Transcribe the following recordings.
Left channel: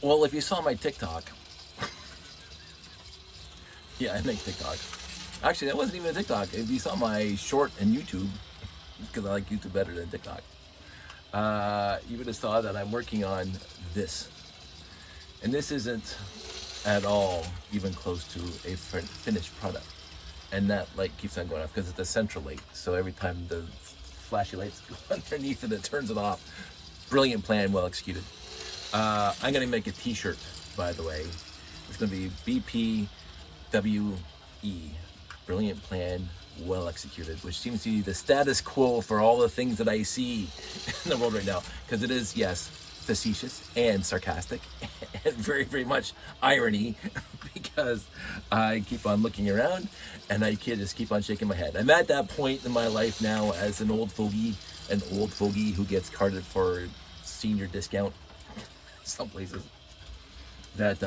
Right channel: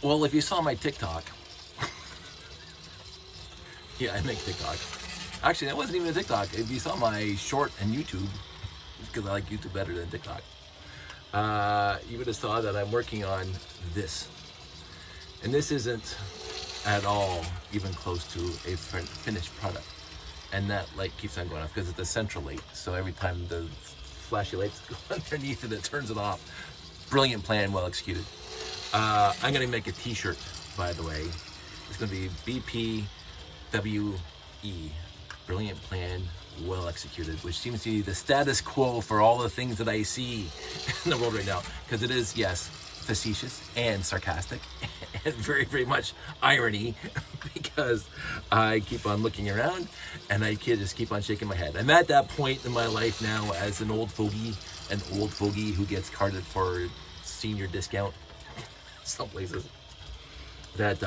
Well, if you saw my TikTok, yeah, I make TikTok. Actually, that wasn't even a TikTok. If you saw my short in YouTube, because I like YouTube better than TikTok, you would have saw that I'm working on this. And this isn't at all even close to a finished product. And that light keeps on going off because it's a central light. So every time the flashy lights go underneath it, it turns it off. Brilliant plan, well executed. I'm gonna make a t-shirt, by the way. It's gonna be BPWE. Brilliant plan, well executed, which seems to be the status quo for all the things that I see in the world right now. Because it is, yes, facetious and sarcastic and very, very much irony because I keep on looking around and I just keep on shaking my head. I'm at that point in my life now as an old fogey who gets carded for senior discount some places, that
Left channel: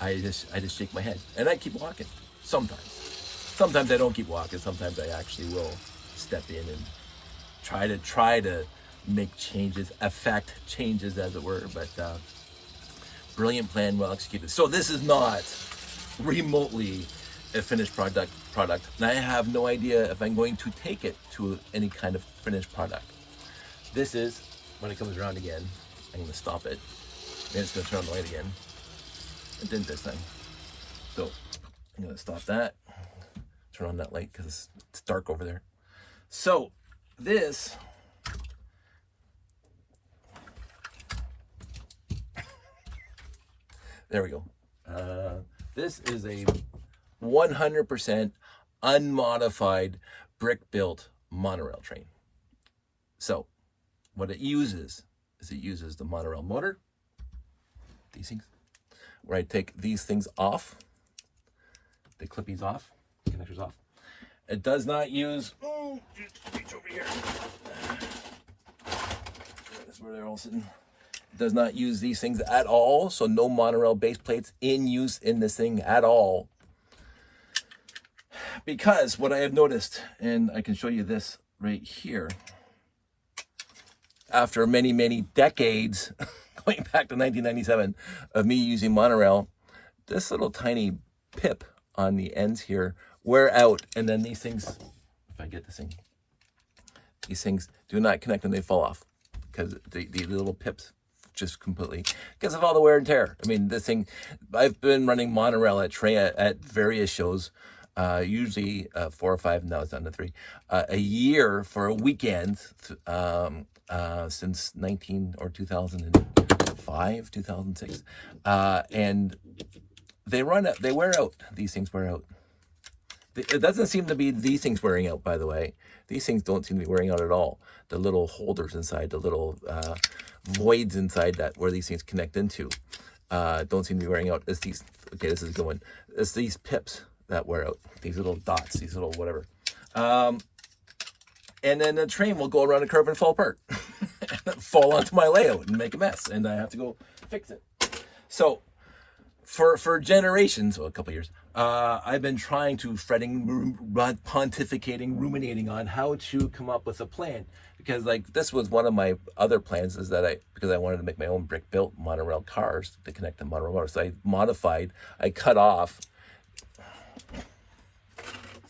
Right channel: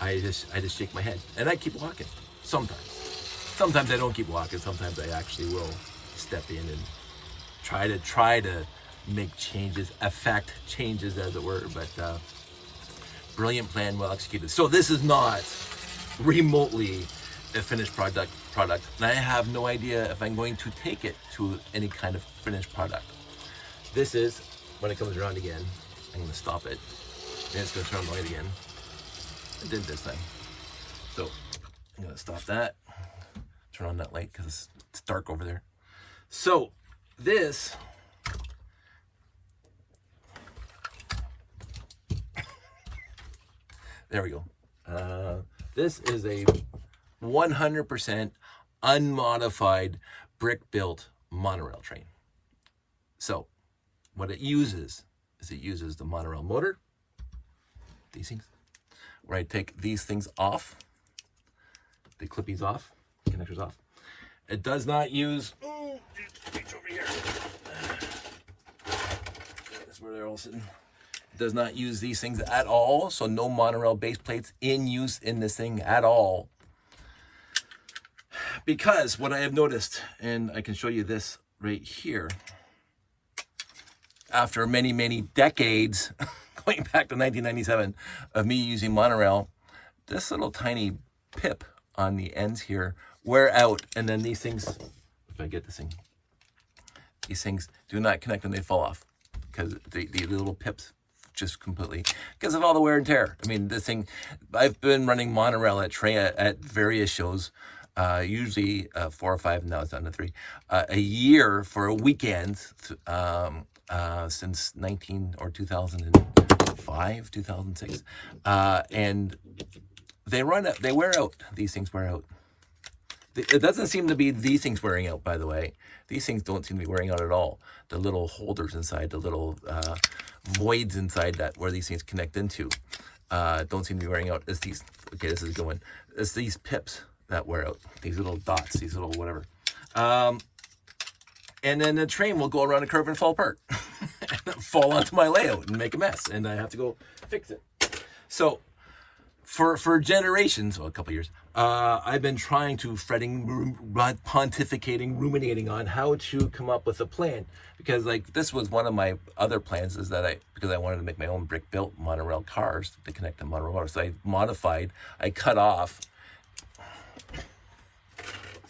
I just shake my head and I keep walking. Sometimes I don't keep walking. Sometimes I actually will step in and try to make changes, affect changes, as it were. But brilliant plan, well executed. So this is not remotely a finished product, and I have no idea if I'm going to take it to any kind of finished product. This is, when it comes around again, I'm going to stop it. Then it's going to turn on the light again. It didn't this time. So I'm going to stop that, turn on that light because it's dark over there. So this there we go. This is a 100% unmodified brick-built monorail train. So what it uses is the monorail motor, these things, where I take these things off, the clippies off, connectors off. It does not use, it's over here. That's where they're all sitting. It does not use these things at all, so no monorail base plates in use in this thing at all. Because what I have noticed, and I can show you this right here, after many, many decades, going back to 1997, of me using monorail, this little tiny pip on the ends here wear out, and then these things, if I get this thing, these things do not connect and they fall off because the little pips just completely, because of all the wear and tear. I mean, this thing, I've been running monorail at various shows, usually 4 or 5, now it's down to 3, a year for a weekend, since 2005, 2006, and they wear out. These things wear out. It doesn't seem to be these things wearing out, by the way. These things don't seem to be wearing out at all. The little holders inside, the little voids inside that where these things connect into, don't seem to be wearing out. It's these, okay, this is going, it's these pips that wear out, these little dots, these little whatever. And then the train will go around a curve and fall apart, and fall onto my layout and make a mess, and I have to go fix it. So for generations, well, a couple of years, I've been trying to pontificating, ruminating on how to come up with a plan, because like this was one of my other plans, is that because I wanted to make my own brick-built monorail cars to connect to monorail motors. So I cut off.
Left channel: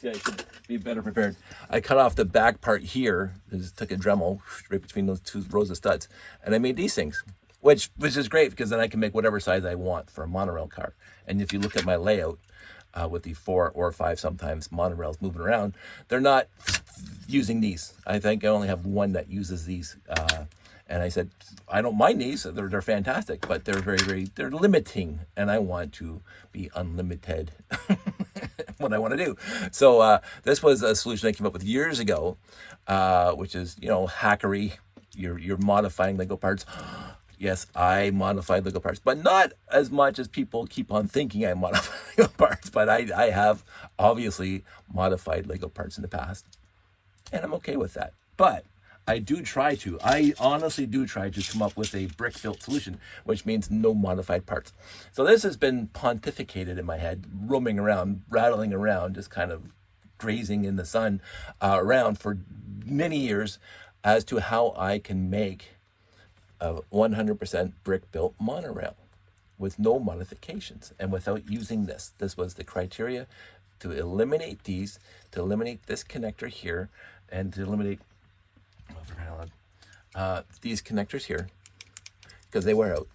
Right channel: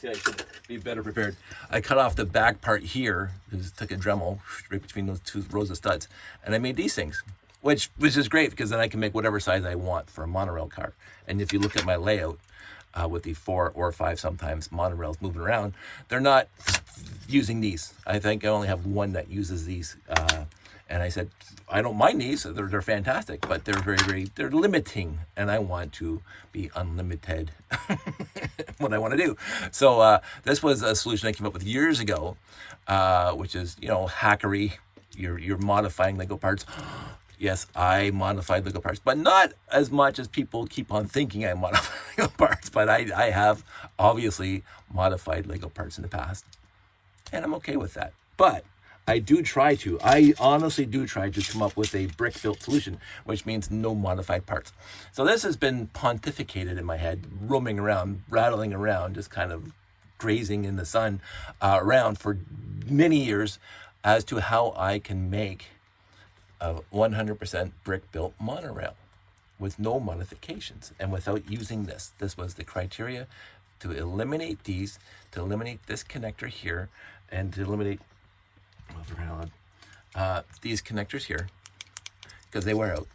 See, I should be better prepared. I cut off the back part here, took a Dremel right between those 2 rows of studs, and I made these things, which is great because then I can make whatever size I want for a monorail car. And if you look at my layout, with the 4 or 5 sometimes monorails moving around, they're not using these. I think I only have one that uses these. And I said, I don't mind these, they're fantastic, but they're they're limiting, and I want to be unlimited what I want to do. So this was a solution I came up with years ago, which is, hackery. You're modifying Lego parts. Yes, I modified Lego parts, but not as much as people keep on thinking I modify Lego parts, but I have obviously modified Lego parts in the past, and I'm okay with that. But I honestly do try to come up with a brick-built solution, which means no modified parts. So this has been pontificated in my head, roaming around, rattling around, just kind of grazing in the sun around for many years as to how I can make a 100% brick-built monorail. with no modifications and without using this. This was the criteria to eliminate these, to eliminate this connector here, and to eliminate these connectors here, because they wear out,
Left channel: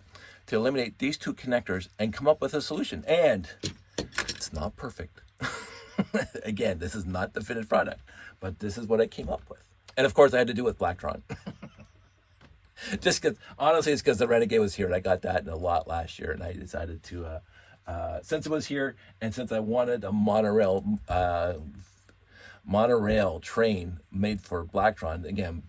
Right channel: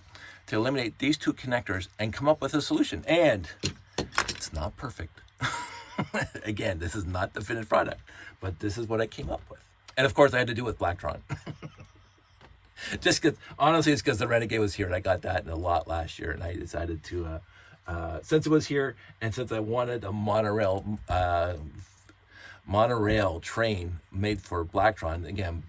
to eliminate these two connectors and come up with a solution. And it's not perfect. Again, this is not the finished product, but this is what I came up with. And of course I had to do with Blacktron. Just because, honestly, it's because the Renegade was here and I got that in a lot last year, and I decided to, since it was here and since I wanted a monorail train made for Blacktron, again,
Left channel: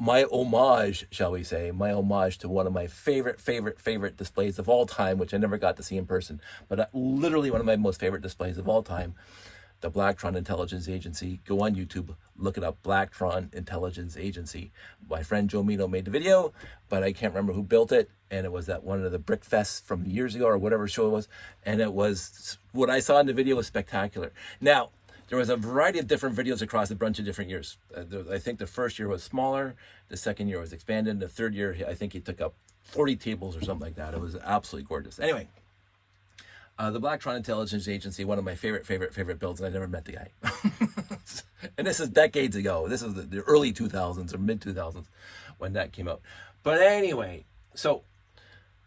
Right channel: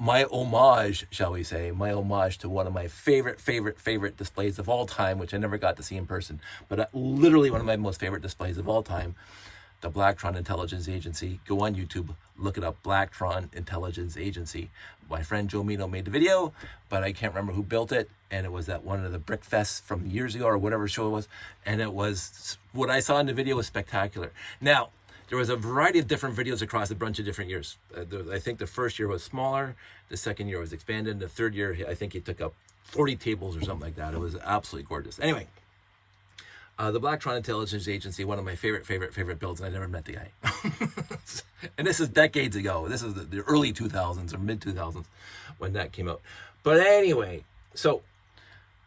my homage, shall we say, my homage to one of my favorite displays of all time, which I never got to see in person, but literally one of my most favorite displays of all time, the Blacktron Intelligence Agency. Go on YouTube, look it up, Blacktron Intelligence Agency. My friend Joe Mino made the video, but I can't remember who built it, and it was at one of the Brick Fests from years ago or whatever show it was, and it was, what I saw in the video was spectacular. Now, there was a variety of different videos across a bunch of different years. I think the first year was smaller, the second year was expanded, the third year, I think he took up 40 tables or something like that. It was absolutely gorgeous. Anyway, the Blacktron Intelligence Agency, one of my favorite builds, and I never met the guy. And this is decades ago. This is the early 2000s or mid 2000s when that came out. But anyway, so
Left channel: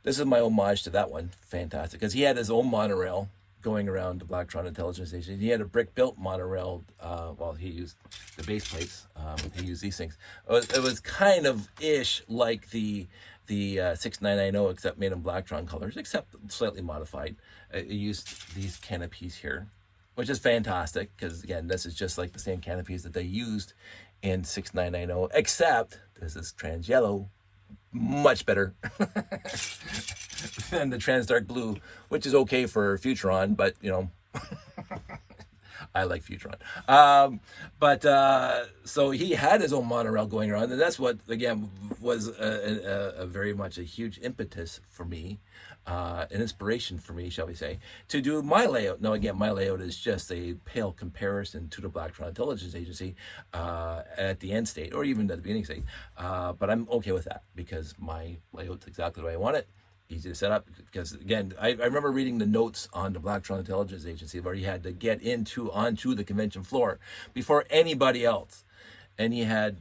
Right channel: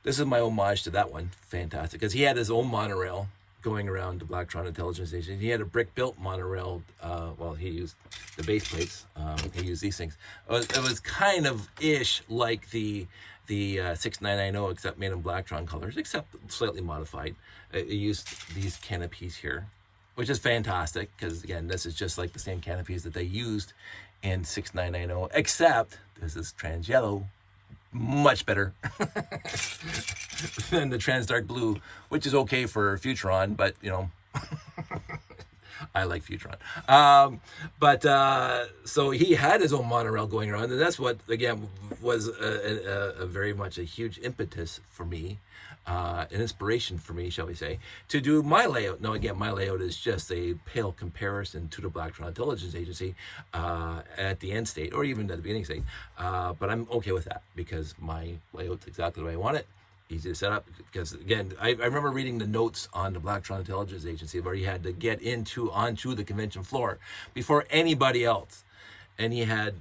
this is my homage to that one. Fantastic, because he had his own monorail going around the Blacktron Intelligence Station. He had a brick-built monorail. Well, he used the base plates. He used these things. It was kind of ish like the 6990, except made in Blacktron colors, except slightly modified. It used these canopies here, which is fantastic, because again, this is just like the same canopies that they used in 6990, except this is trans yellow, much better than the trans dark blue, which is okay for Futuron, but you know, I like Futuron. So he had his own monorail going around, and that's what, again, was a very much a huge impetus for me, an inspiration for me, shall we say, to do my layout. Now, again, my layout is just a pale comparison to the Blacktron Intelligence Agency at the end state, or even at the beginning state, but I'm okay with that, because my layout's exactly the way I want it. Easy to set up, because again, I remember reading the notes on the Blacktron Intelligence Agency where he had to get onto the convention floor before anybody else, and he had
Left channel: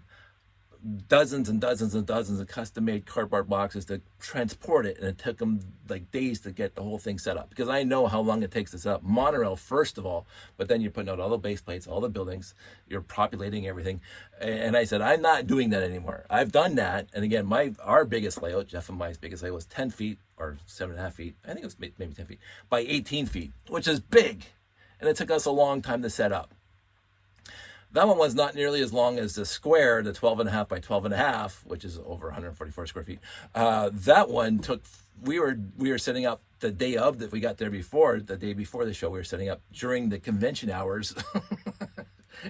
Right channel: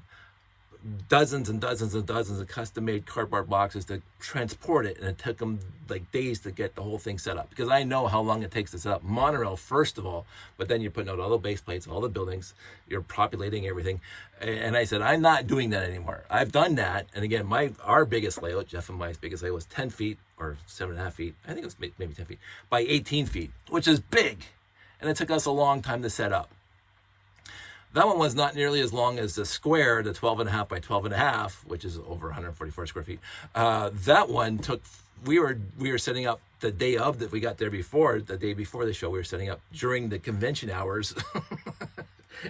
dozens and dozens and dozens of custom-made cardboard boxes to transport it, and it took him like days to get the whole thing set up, because I know how long it takes to set up monorail first of all, but then you're putting out all the base plates, all the buildings, you're populating everything. And I said, I'm not doing that anymore. I've done that. And again, our biggest layout, Jeff and my biggest layout, was 10 feet or 7.5 feet, I think it was maybe 10 feet by 18 feet, which is big, and it took us a long time to set up. That one was not nearly as long as the square, the 12.5 by 12.5, which is over 144 square feet. That one took, we were setting up the day of that we got there before, the day before the show, we were setting up during the convention hours.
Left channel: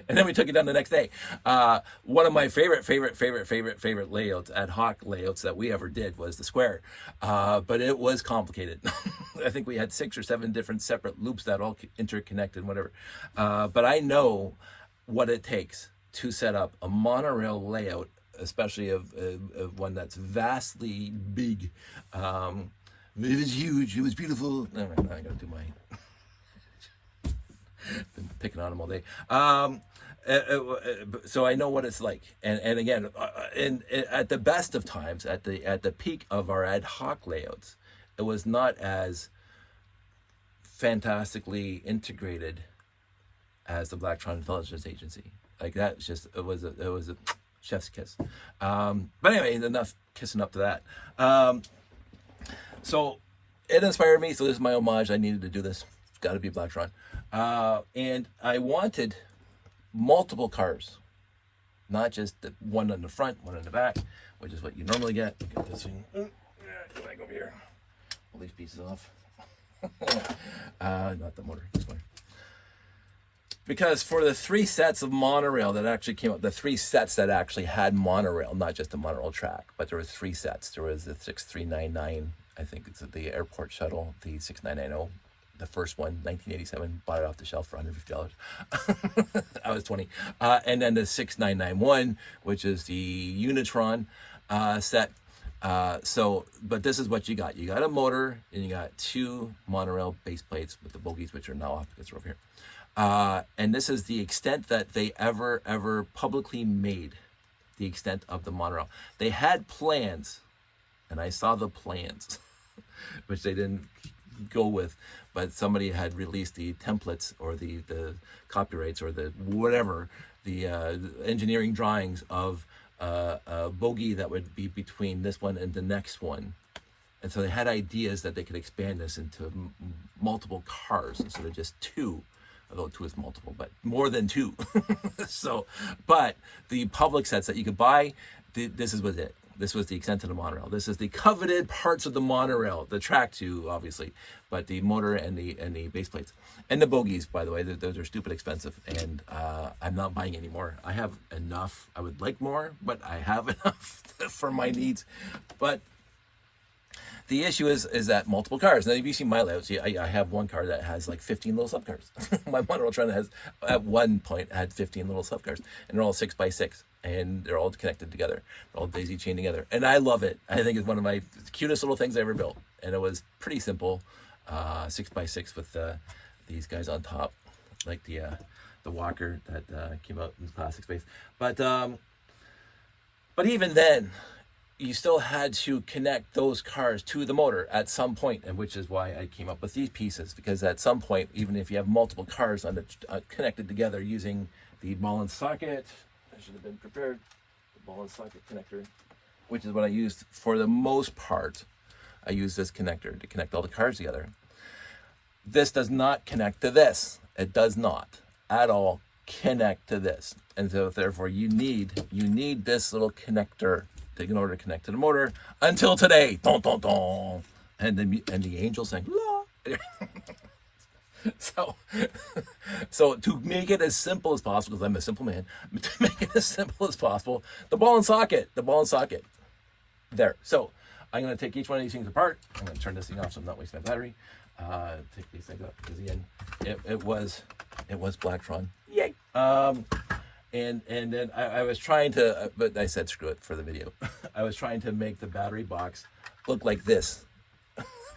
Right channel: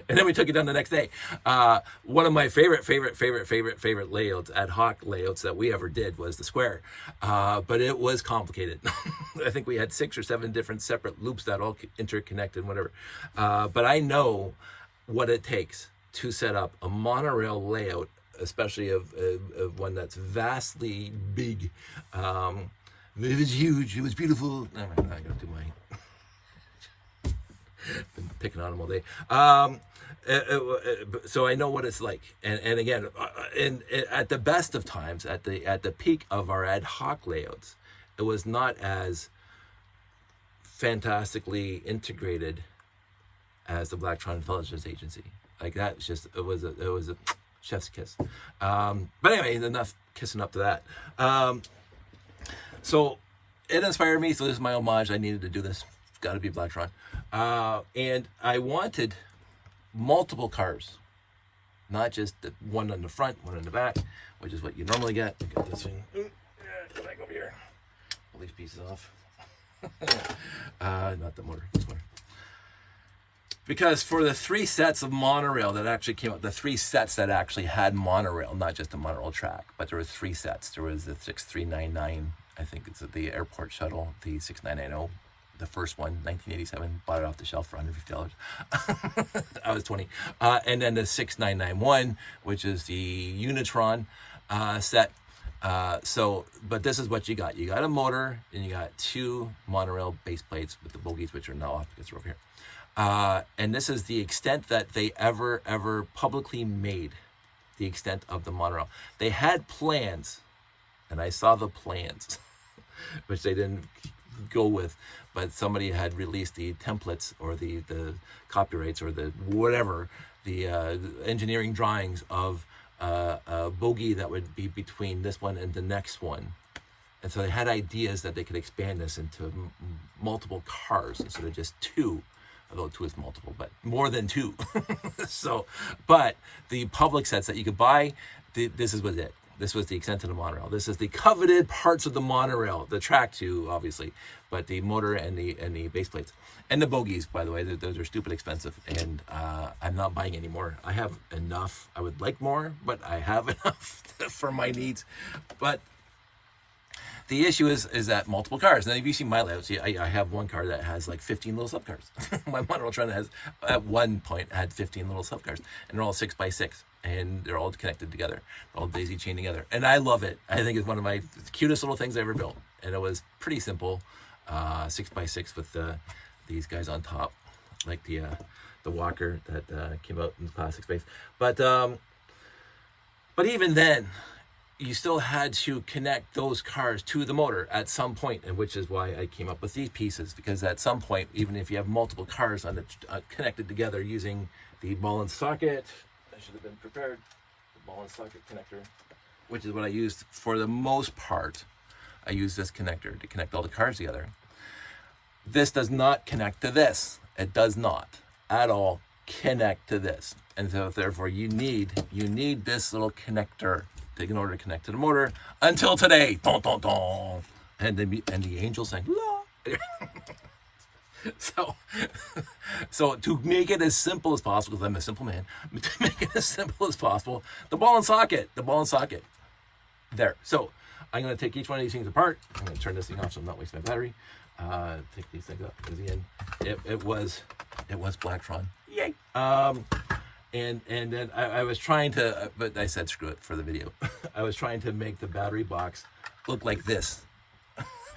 And then we took it down the next day. One of my favorite layouts, ad hoc layouts that we ever did was the square. But it was complicated. I think we had 6 or 7 different separate loops that all interconnected, whatever. But I know what it takes to set up a monorail layout, especially of one that's vastly big. It was huge, it was beautiful. I gotta do my been picking on him all day. So I know what it's like, and again, at the best of times, at the peak of our ad hoc layouts, it was not as fantastically integrated as the Blacktron Intelligence Agency. Like that, it was a chef's kiss. But anyway, enough kissing up to that. So it inspired me. So this is my homage. I needed to do this. It's got to be Blacktron. And I wanted multiple cars, not just the one on the front, one on the back, which is what you normally get. Look at this thing. Come back over here. Pull these pieces off. Not the motor, this one. Because for the 3 sets of monorail that actually came out, the 3 sets that actually had monorail, not just a monorail track, but there were 3 sets. There was the 6399, I think it's the airport shuttle, the 6990, the first one, 1987, bought it off the shelf for $150. I was 20. And then the 6991, which is the Unitron set. But this is what you got. You got a motor, and you got 2 monorail base plates with the bogies, which are now off because they're over here. And this is the extent that they ever publicly made the extent of the monorail. They had plans, and I saw the plans, which they didn't go with, but somebody had released the templates or the copyrights or the whatever, the engineering drawings of a bogie that would be between this one and the next one. And so they had ideas that they could expand this into multiple cars instead of just 2, although 2 is multiple, but more than 2. But the public sets that you could buy, this was it. This was the extent of the monorail. This is the coveted parts of the monorail, the track too, obviously, but the motor and the base plates. And the bogies, by the way, those are stupid expensive, and I'm not buying any more. I have enough. I would like more, but I have enough for my needs. But the issue is that multiple cars. Now, if you see my layout, see, I have one car that has like 15 little subcars. My monorail Tron has, at one point, had 15 little subcars, and they're all 6x6, and they're all connected together. They're all daisy chained together, and I love it. I think it's one of my cutest little things I ever built, and it was pretty simple, 6x6 with these guys on top, like the walker that came out in the classic space. But even then, you still had to connect those cars to the motor at some point, and which is why I came up with these pieces, because at some point, even if you have multiple cars on connected together using the ball and socket, I should have been prepared, the ball and socket connector, which is what I used for the most part. I use this connector to connect all the cars together. This does not connect to this. It does not at all connect to this, and so therefore you need this little connector in order to connect to the motor until today. Don, don, don. And the angel sang la. So to make it as simple as possible, because I'm a simple man, to make it as simple as possible, the ball and socket there. So I'm going to take each one of these things apart. I'm going to turn this thing off so I'm not wasting my battery. Take these things up, because again, it was Blacktron. Yay. And then I was trying to, but I said screw it for the video. I was trying to make the battery box look like this,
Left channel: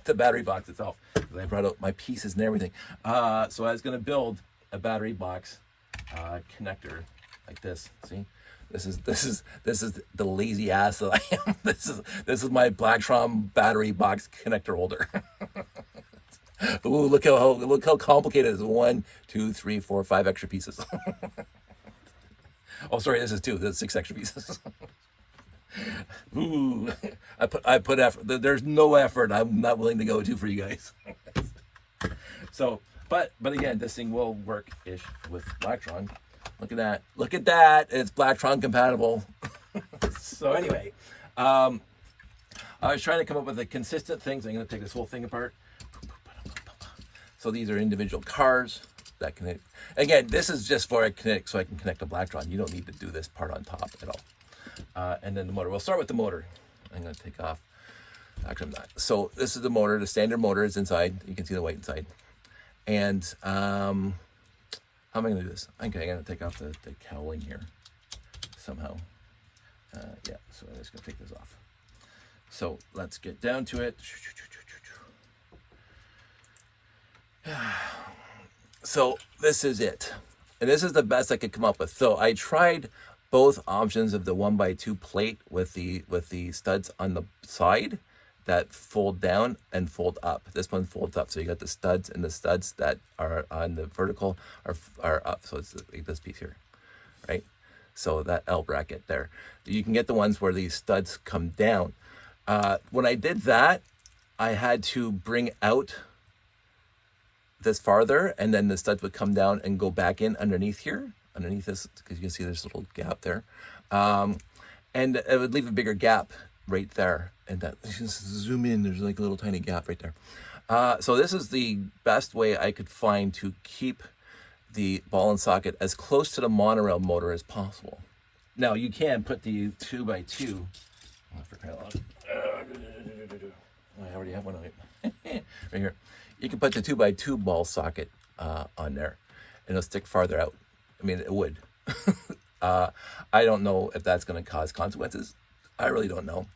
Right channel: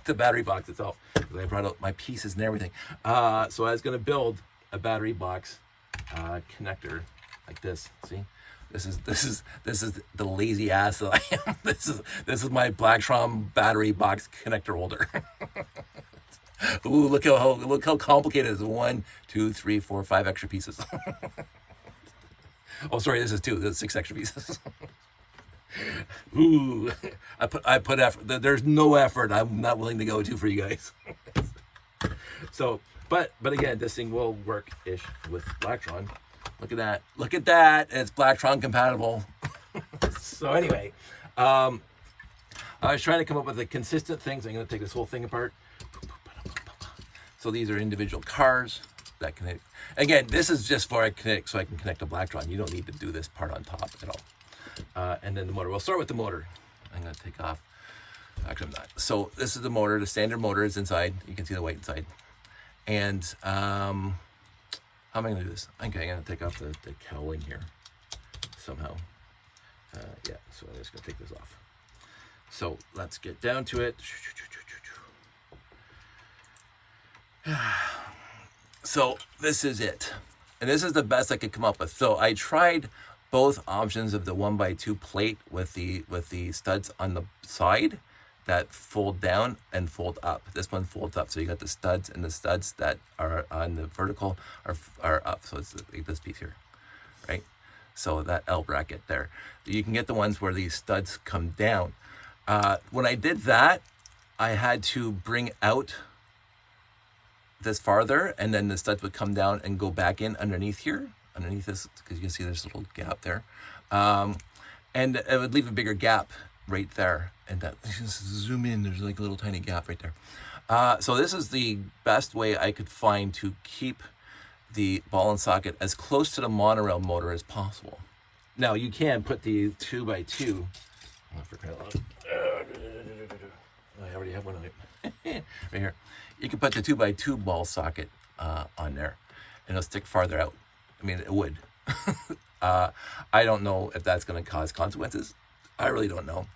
the battery box itself, because I brought out my pieces and everything. So I was going to build a battery box connector like this. See, this is the lazy ass that I am. This is my Blacktron battery box connector holder. Ooh, look how complicated it is. 1, 2, 3, 4, 5 extra pieces. Oh, sorry, this is 2. There's 6 extra pieces. Ooh, I put effort. There's no effort I'm not willing to go to for you guys. So, but again, this thing will work-ish with Blacktron. Look at that. Look at that. It's Blacktron compatible. So anyway, I was trying to come up with the consistent things. I'm going to take this whole thing apart. So these are individual cars that connect. Again, this is just for so I can connect a Blacktron. You don't need to do this part on top at all. And then the motor. We'll start with the motor. I'm going to take off. Actually, I'm not. So this is the motor. The standard motor is inside. You can see the white inside. And how am I going to do this? Okay, I'm going to take off the cowling here somehow. Yeah, so I'm just going to take this off. So let's get down to it. So this is it, and this is the best I could come up with. So I tried both options of the 1x2 plate with the studs on the side that fold down and fold up. This one folds up, so you got the studs, and the studs that are on the vertical are up. So it's like this piece here, right? So that L bracket there. You can get the ones where these studs come down. When I did that, I had to bring out this farther, and then the studs would come down and go back in underneath this, because you can see there's a little gap there, and it would leave a bigger gap right there. And that, just zoom in, there's like a little tiny gap right there. So this is the best way I could find to keep the ball and socket as close to the monorail motor as possible. Now you can put the 2x2. I already have one on it. Right here. You can put the 2x2 ball socket on there, and it'll stick farther out. I mean, it would. I don't know if that's going to cause consequences. I really don't know.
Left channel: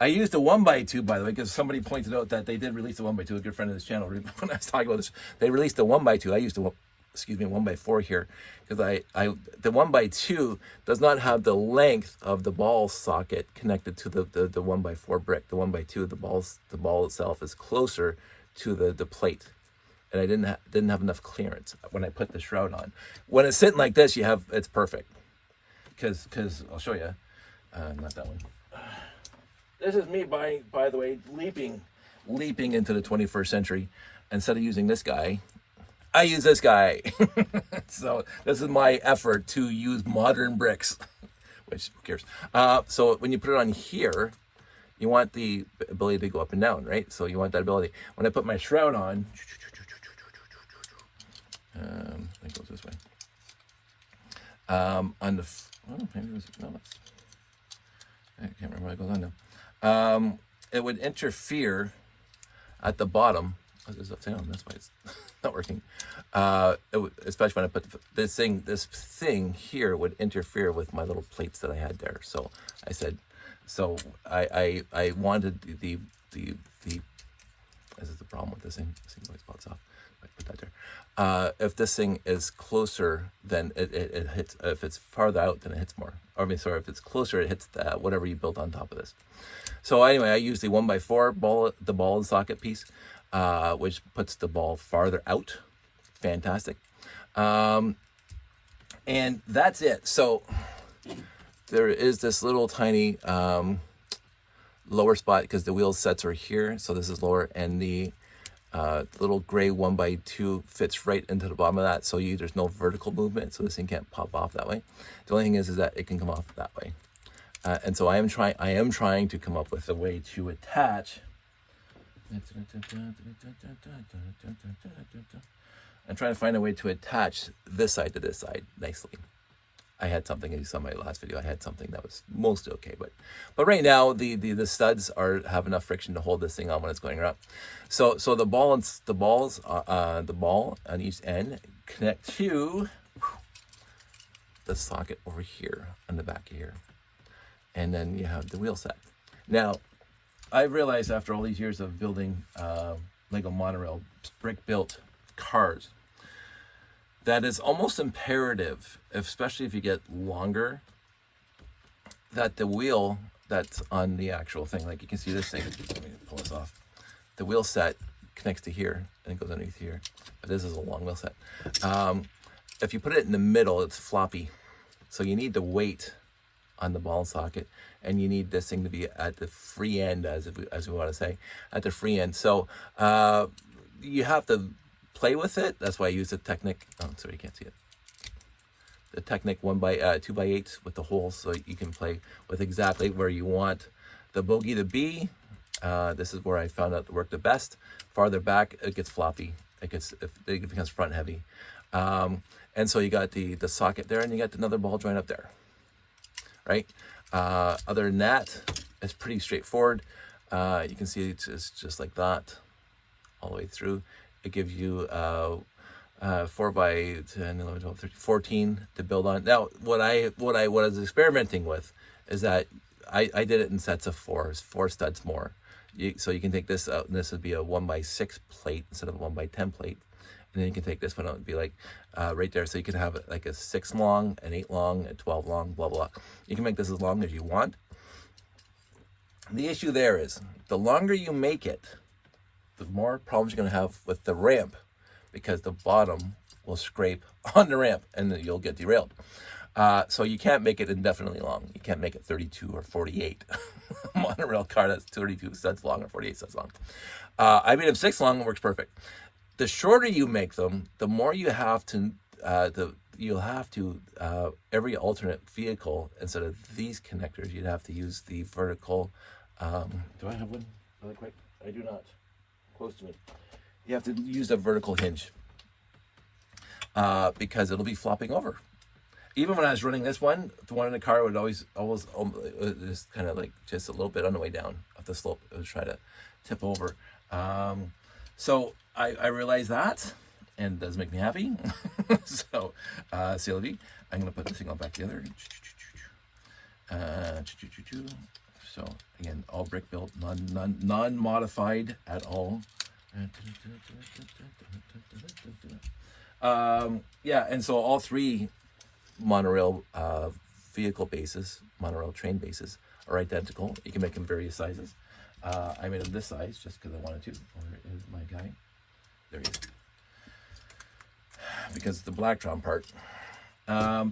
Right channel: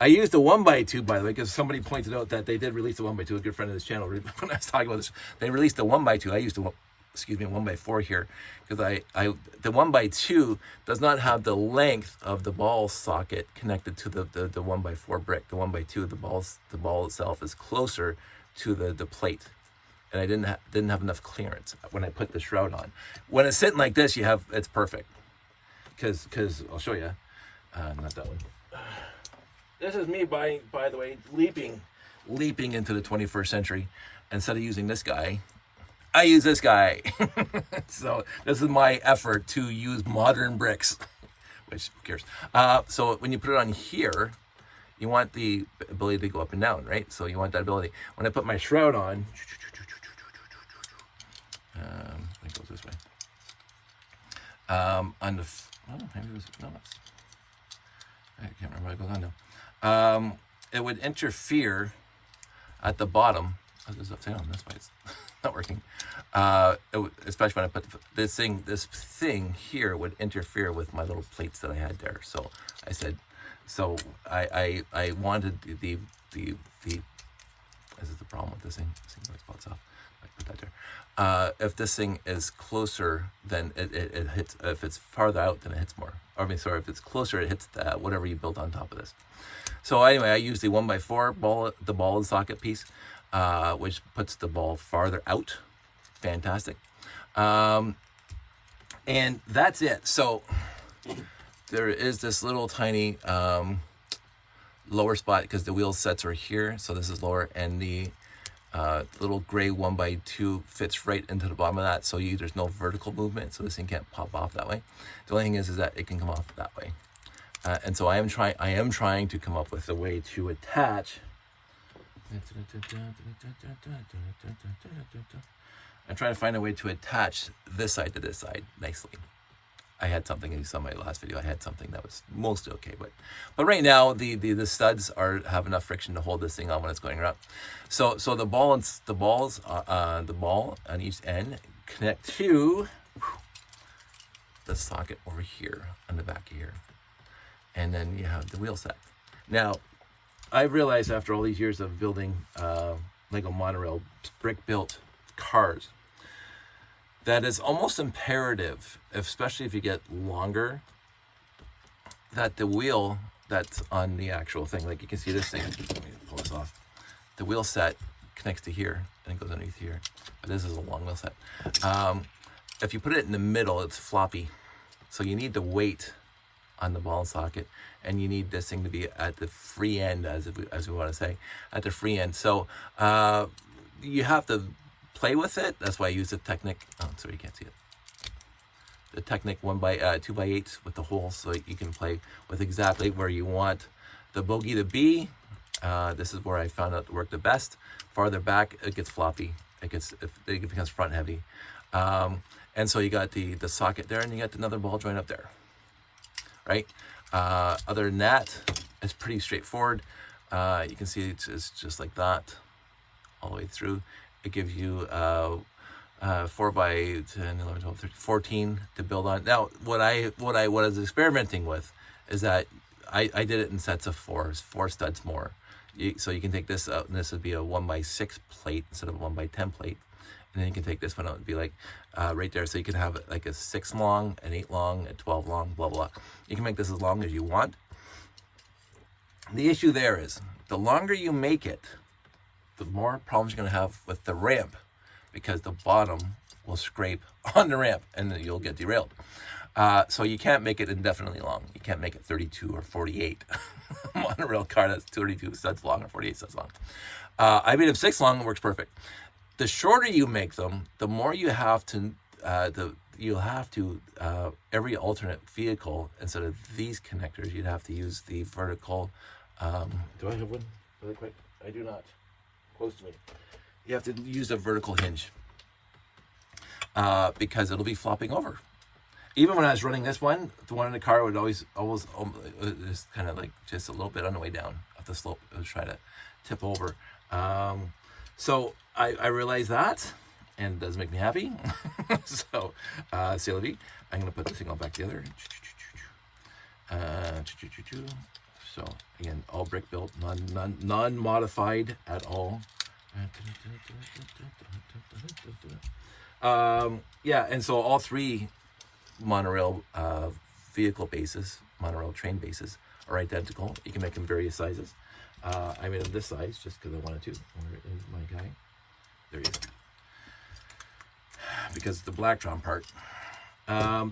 I used the 1x2, by the way, because somebody pointed out that they did release the 1x2. A good friend of this channel, when I was talking about this, they released the 1x2. I used the 1x4 here, because the 1x2 does not have the length of the ball socket connected to the 1x4 brick. The 1x2, the ball itself is closer to the plate, and I didn't have enough clearance when I put the shroud on. When it's sitting like this, it's perfect, because I'll show you. Not that one. This is me, by the way, leaping into the 21st century. Instead of using this guy, I use this guy. So this is my effort to use modern bricks, which who cares? So when you put it on here, you want the ability to go up and down, right? So you want that ability. When I put my shroud on, it goes this way. On the, oh, maybe it was, no, I can't remember what goes on now. It would interfere at the bottom. Oh, this is upside down, that's why it's not working. Especially when I put this thing here would interfere with my little plates that I had there. So I said, so I wanted the this is the problem with this thing. This thing always pops off. I put that there. If this thing is closer, then it hits. If it's farther out, then it hits more. Or, I mean, sorry, if it's closer, it hits whatever you built on top of this. So anyway, I use the 1x4 the ball and socket piece, which puts the ball farther out. Fantastic. And that's it. So there is this little tiny lower spot because the wheel sets are here. So this is lower, and the little gray 1x2 fits right into the bottom of that. So there's no vertical movement. So this thing can't pop off that way. The only thing is that it can come off that way. And so I am trying to come up with a way to attach. I'm trying to find a way to attach this side to this side nicely. I had something, you saw my last video, I had something that was mostly okay, but right now the studs have enough friction to hold this thing on when it's going around. So the ball on each end connect to the socket over here on the back here, and then you have the wheel set. Now I realized after all these years of building Lego monorail brick built cars, that is almost imperative, especially if you get longer, that the wheel that's on the actual thing, like you can see this thing, let me pull this off. The wheel set connects to here and it goes underneath here, but this is a long wheel set. If you put it in the middle, it's floppy. So you need the weight on the ball and socket, and you need this thing to be at the free end, as we want to say, at the free end. So you have to play with it. That's why I use the Technic. Oh, sorry, you can't see it. The Technic 2x8 with the holes, so you can play with exactly where you want the bogey to be. This is where I found out it worked the best. Farther back, it gets floppy. It becomes front heavy. And so you got the socket there, and you got another ball joint up there, right? Other than that, it's pretty straightforward. You can see it's just like that all the way through. It gives you 4 by 10, 11, 12, 13, 14 to build on. Now, what I was experimenting with is that I did it in sets of 4 studs more. So you can take this out, and this would be a 1x6 plate instead of a 1x10 plate. And then you can take this one out and be like right there. So you can have like a 6 long, an 8 long, a 12 long, blah, blah, blah. You can make this as long as you want. The issue there is the longer you make it, the more problems you're going to have with the ramp, because the bottom will scrape on the ramp and then you'll get derailed. So you can't make it indefinitely long. You can't make it 32 or 48. Monorail car that's 32 studs long or 48 studs long. I made them 6 long, it works perfect. The shorter you make them, the more you have to, every alternate vehicle, instead of these connectors, you'd have to use the vertical, do I have one really quick? I do not. Close to me. You have to use a vertical hinge because it'll be flopping over. Even when I was running this one, the one in the car would always just kind of like just a little bit on the way down of the slope. It would try to tip over. So I realized that, and it does make me happy. So c'est la vie. I'm gonna put this thing all back together. So again, all brick built, non-modified at all. Yeah, and so all three monorail vehicle bases, monorail train bases, are identical. You can make them various sizes. I made them this size just because I wanted to. Where is my guy? There he is. Because the Blacktron part.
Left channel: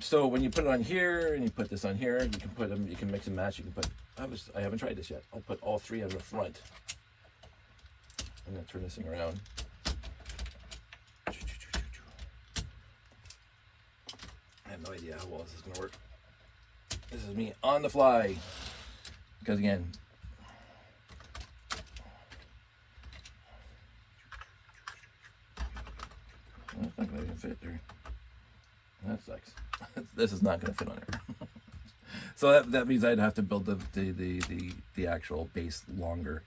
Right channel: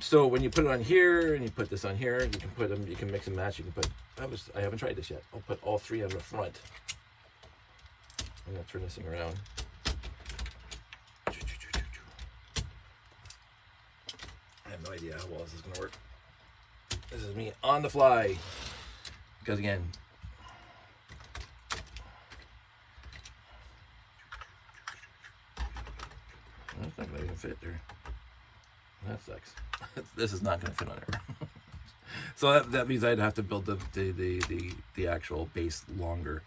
So when you put it on here and you put this on here, you can put them. You can mix and match. You can put. I haven't tried this yet. I'll put all three on the front. I'm gonna turn this thing around. I have no idea how well this is gonna work. This is me on the fly. Because again, that's not gonna even fit there. That sucks. This is not gonna fit on there. So that means I'd have to build the actual base longer.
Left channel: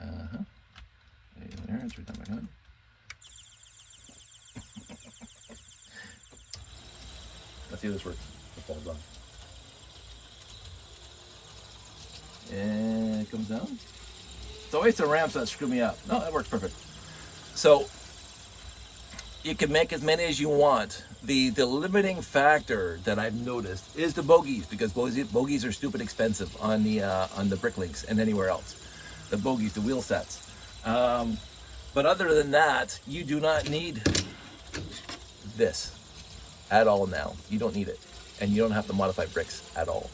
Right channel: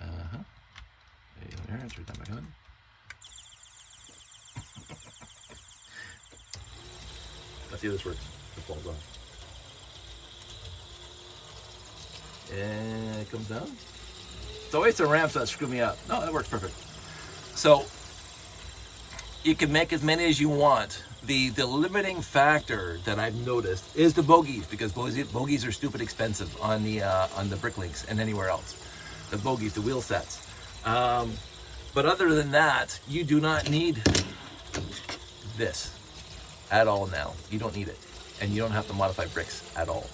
There, it's right down back on. Let's see if this works. It falls off. And it comes down. It's always the ramps that screw me up. No, that works perfect. So you can make as many as you want. The limiting factor that I've noticed is the bogies, because bogies are stupid expensive on the brick links and anywhere else. The bogies, the wheel sets. But other than that, you do not need this at all now. You don't need it, and you don't have to modify bricks at all.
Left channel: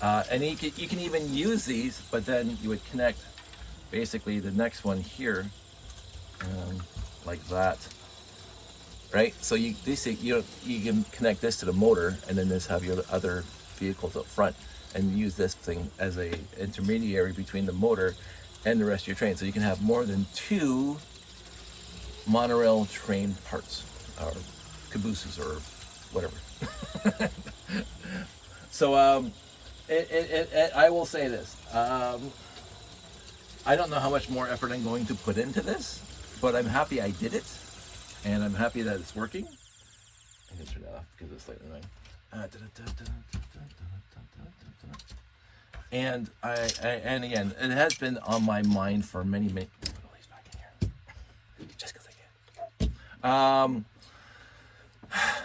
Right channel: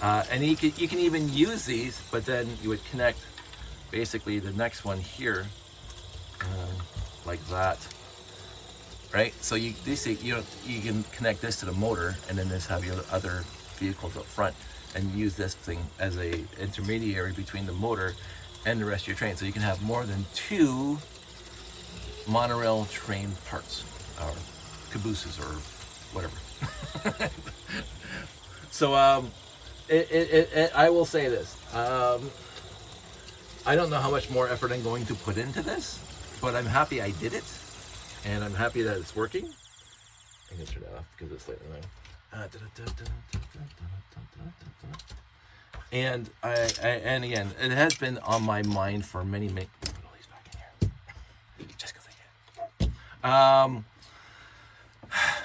And you can even use these, but then you would connect basically the next one here, like that. Right, so you can connect this to the motor, and then this have your other vehicles up front, and use this thing as a intermediary between the motor and the rest of your train. So you can have more than 2 monorail train parts, or cabooses, or whatever. So I will say this: I don't know how much more effort I'm going to put into this, but I'm happy I did it. And I'm happy that it's working. I'm gonna turn that off because it's slightly annoying. And and again, it has been on my mind for many. Put all these back in here, just because I can.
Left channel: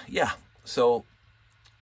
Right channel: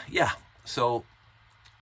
Yeah. So